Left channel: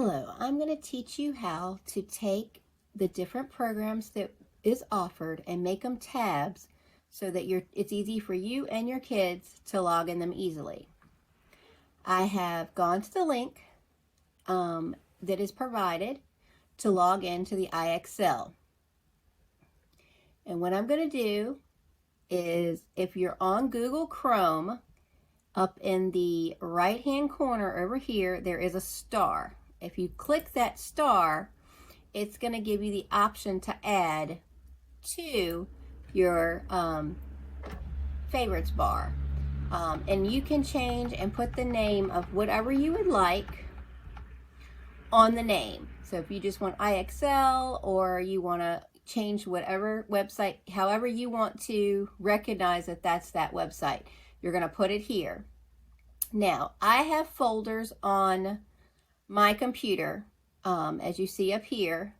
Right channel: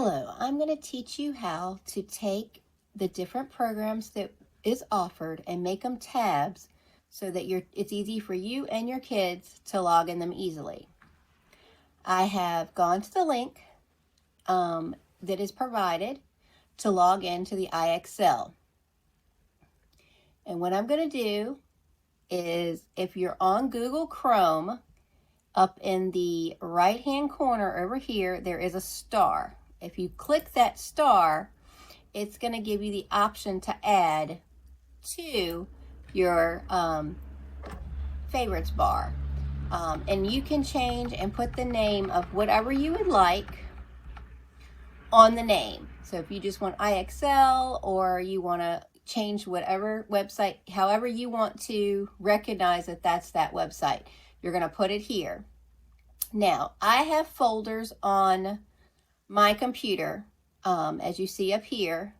Hello, I'm going to teach you how to take the different programs that is offered and make them tabs so that it's easy for you and your kids to log in them easily. I have gone to the link that is provided to log into the IXL. And what I'm going to do is, if you're on Google Chrome, up in the right hand corner over here, there is a star. If you click that star, it's going to give you the option to add to your favorites bar. And you can change and put the name of whatever you would like on the name. So if you just want IXL, or you want to change whatever website, however you want to recognize that that's that website, you're going to put it here. Now, I have folders on my computer, as you see up here.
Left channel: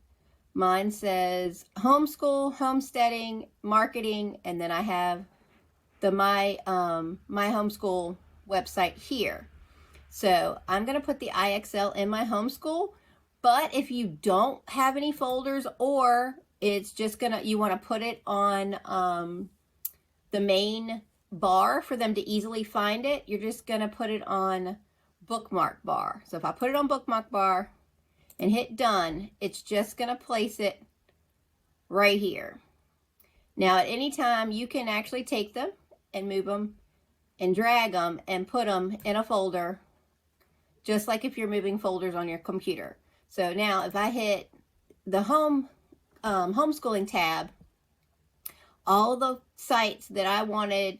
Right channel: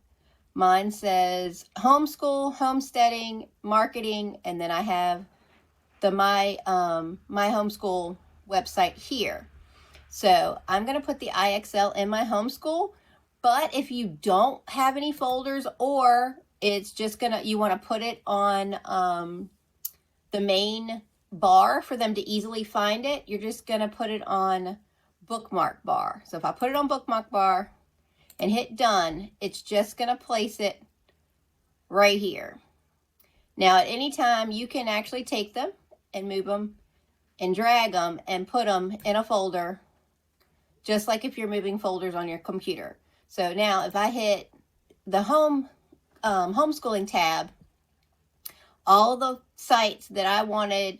Mine says homeschool, homesteading, marketing, and then I have the my homeschool website here. So I'm going to put the IXL in my homeschool, but if you don't have any folders, or it's just you want to put it on the main bar for them to easily find it, you're just going to put it on bookmark bar. So if I put it on bookmark bar and hit done, it's just going to place it right here. Now at any time you can actually take them and move them and drag them and put them in a folder, just like if you're moving folders on your computer. So now if I hit the homeschooling tab, all the sites that I wanted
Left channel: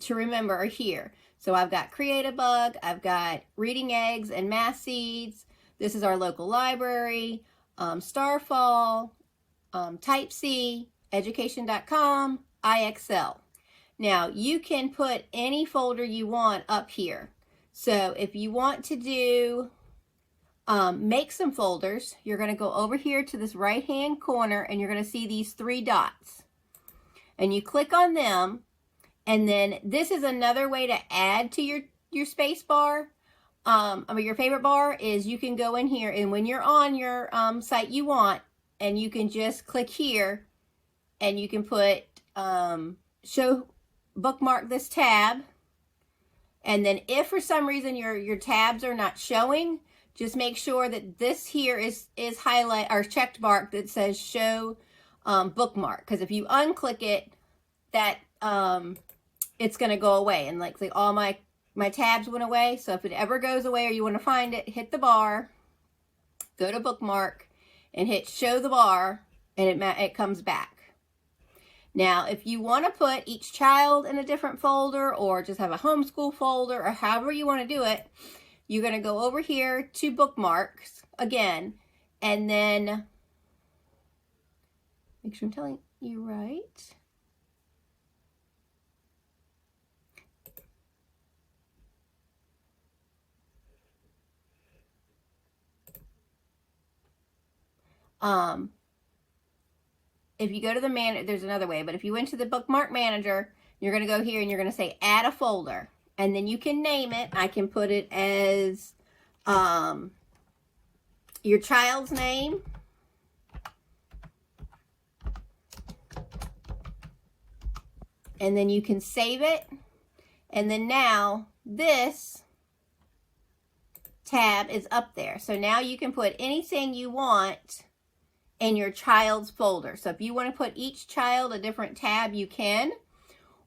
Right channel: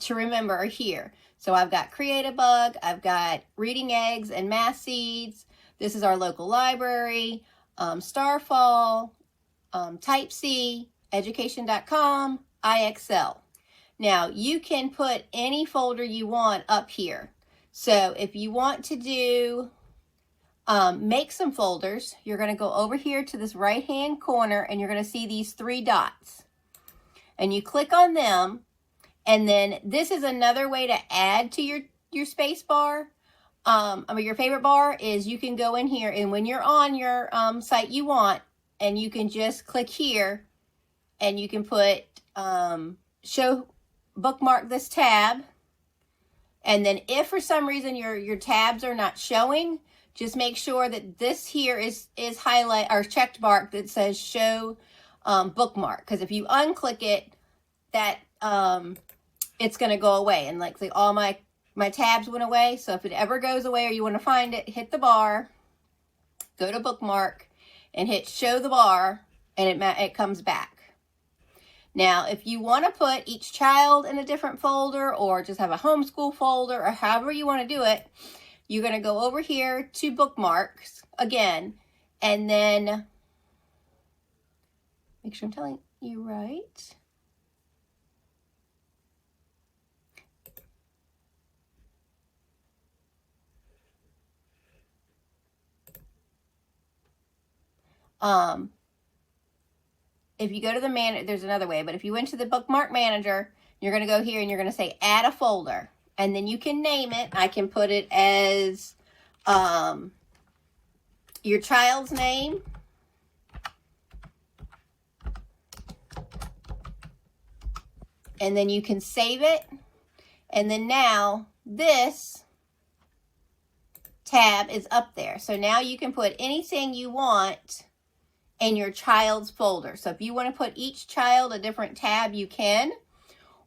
to remember are here. So I've got Create-A-Bug, I've got Reading Eggs and Math Seeds. This is our local library, Starfall, Type C, Education.com, IXL. Now you can put any folder you want up here. So if you want to do make some folders, you're going to go over here to this right hand corner and you're going to see these three dots. And you click on them, and then this is another way to add to your space bar. Your favorite bar is you can go in here, and when you're on your site you want, and you can just click here and you can put show bookmark this tab. And then if for some reason your tabs are not showing, just make sure that this here is highlight or checked mark that says show bookmark, because if you unclick it, that it's going to go away, and like say all my tabs went away. So if it ever goes away or you want to find it, hit the bar, go to bookmark and hit show the bar, and it comes back. Now if you want to put each child in a different folder, or just have a homeschool folder, or however you want to do it, you're going to go over here to bookmarks again, and then make sure I'm telling you right. If you go to the there's another way, but if you went to the bookmark manager, you're going to go here and you're going to say add a folder, and then you can name it. I can put it as your child's name, and then you can save it. And then now this tab is up there. So now you can put anything you want in your child's folder. So if you want to put each child a different tab, you can.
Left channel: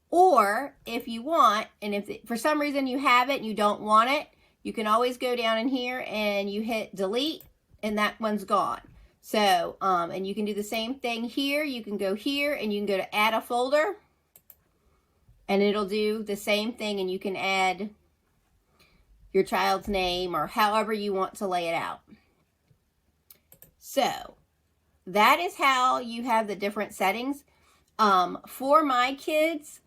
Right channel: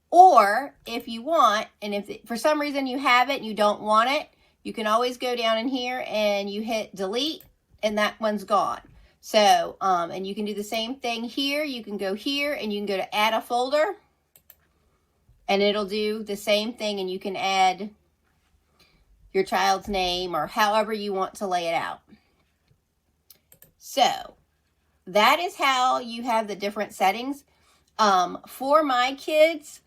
Or if you want, and if for some reason you have it and you don't want it, you can always go down in here and you hit delete, and that one's gone. So, and you can do the same thing here. You can go here and you can go to add a folder, and it'll do the same thing, and you can add your child's name or however you want to lay it out. So that is how you have the different settings. For my kids,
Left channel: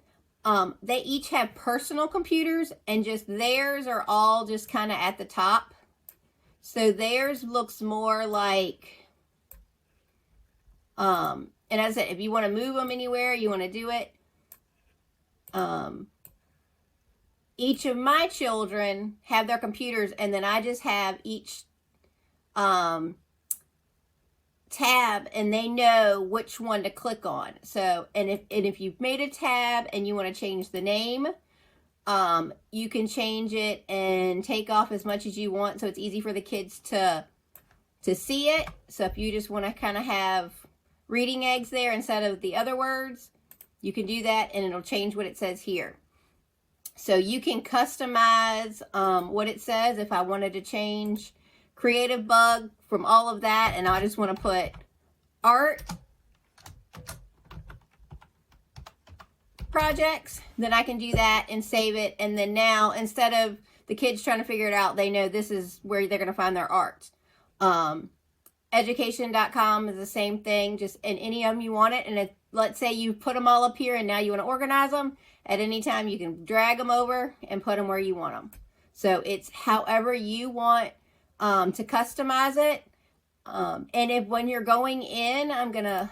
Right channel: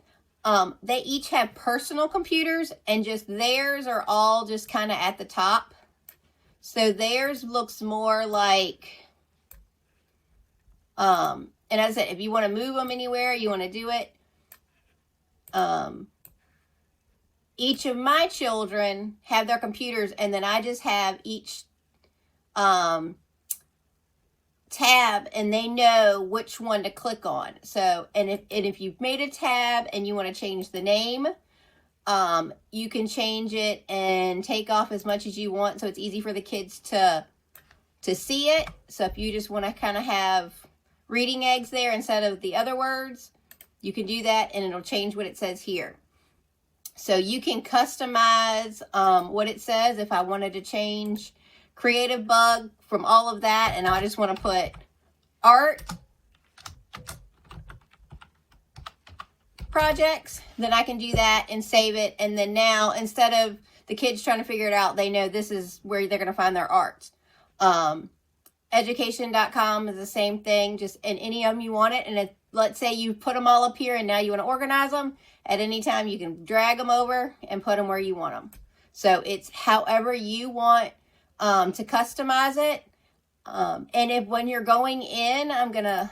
they each have personal computers, and just theirs are all just kind of at the top. So theirs looks more like, and as I said, if you want to move them anywhere, you want to do it. Each of my children have their computers, and then I just have each tab, and they know which one to click on. So, and if you've made a tab and you want to change the name, you can change it and take off as much as you want, so it's easy for the kids to see it. So if you just want to kind of have reading eggs there instead of the other words, you can do that, and it'll change what it says here. So you can customize what it says. If I wanted to change Creative Bug from all of that, and I just want to put art projects, then I can do that and save it. And then now, instead of the kids trying to figure it out, they know this is where they're going to find their art. Education.com is the same thing, just in any of them you want it. And if, let's say you put them all up here and now you want to organize them, at any time you can drag them over and put them where you want them. So it's however you want to customize it. And if when you're going in, I'm going to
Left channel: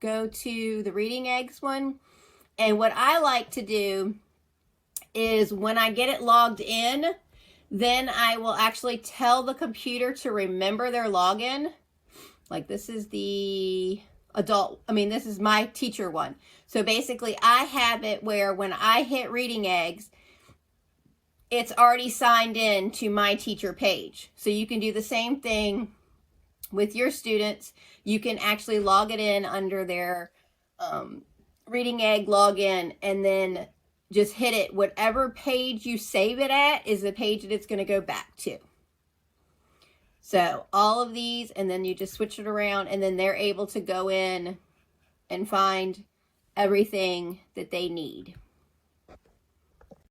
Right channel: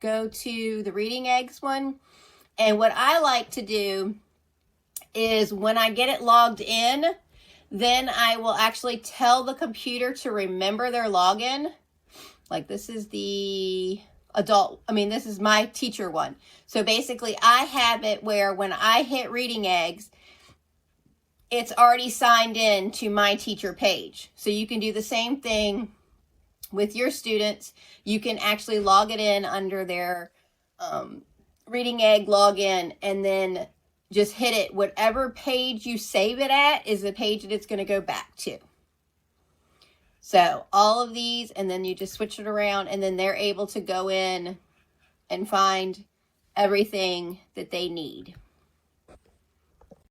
go to the reading eggs one. And what I like to do is when I get it logged in, then I will actually tell the computer to remember their login. Like this is the adult, this is my teacher one. So basically I have it where when I hit reading eggs, it's already signed in to my teacher page. So you can do the same thing with your students. You can actually log it in under their reading egg login, and then just hit it. Whatever page you save it at is the page that it's going to go back to. So all of these, and then you just switch it around, and then they're able to go in and find everything that they need.